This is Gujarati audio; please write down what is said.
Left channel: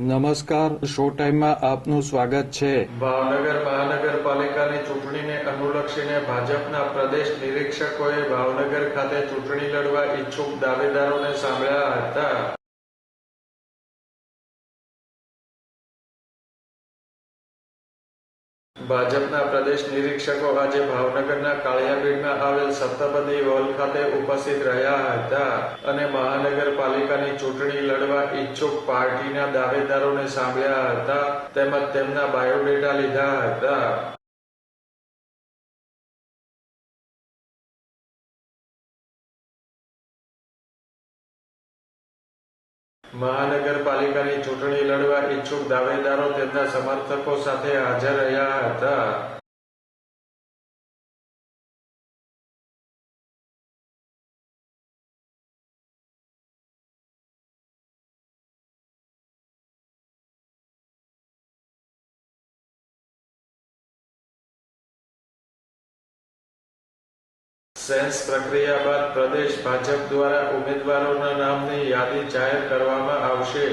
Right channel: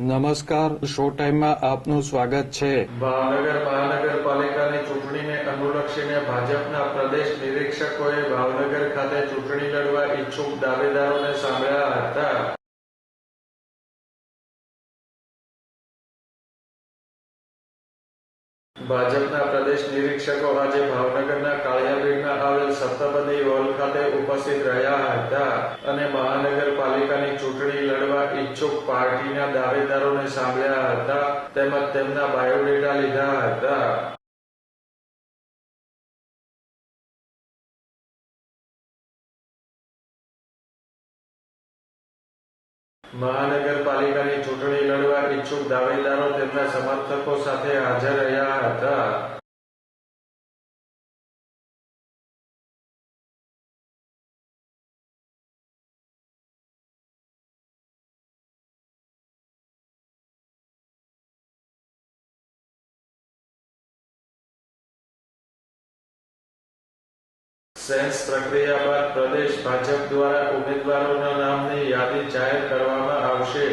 નમસ્કાર, શો ટાઈમમાં આપનું સ્વાગત છે. ભાવનગર મહાનગરપાલિકાની ચૂંટણીને અનુલક્ષીને ભાજપના પ્રદેશ નિરીક્ષકોએ ભાવનગર ખાતે ચૂંટણી લડવા ઈચ્છુક દાવેદારોને સાંભળ્યા હતા. ભાજપના પ્રદેશ નિરીક્ષકો આજે ભાવનગરના કાળિયાબીડમાં આવેલ સપ્તપદી હોલ ખાતે ઉપસ્થિત રહ્યા હતા અને મહાનગરપાલિકાની ચૂંટણી લડવા ઈચ્છુક પાર્ટીના દાવેદારોને સાંભળ્યા હતા તેમજ તેમના બાયોડેટા લીધા હતા. મહાનગરપાલિકાની ચૂંટણી લડવા ઈચ્છુક દાવેદારો તેમના સમર્થકો સાથે હાજર રહ્યા હતા. સેન્સ પ્રક્રિયા બાદ પ્રદેશ ભાજપ દ્વારા ઉમેદવારોના નામની યાદી જાહેર કરવામાં આવશે.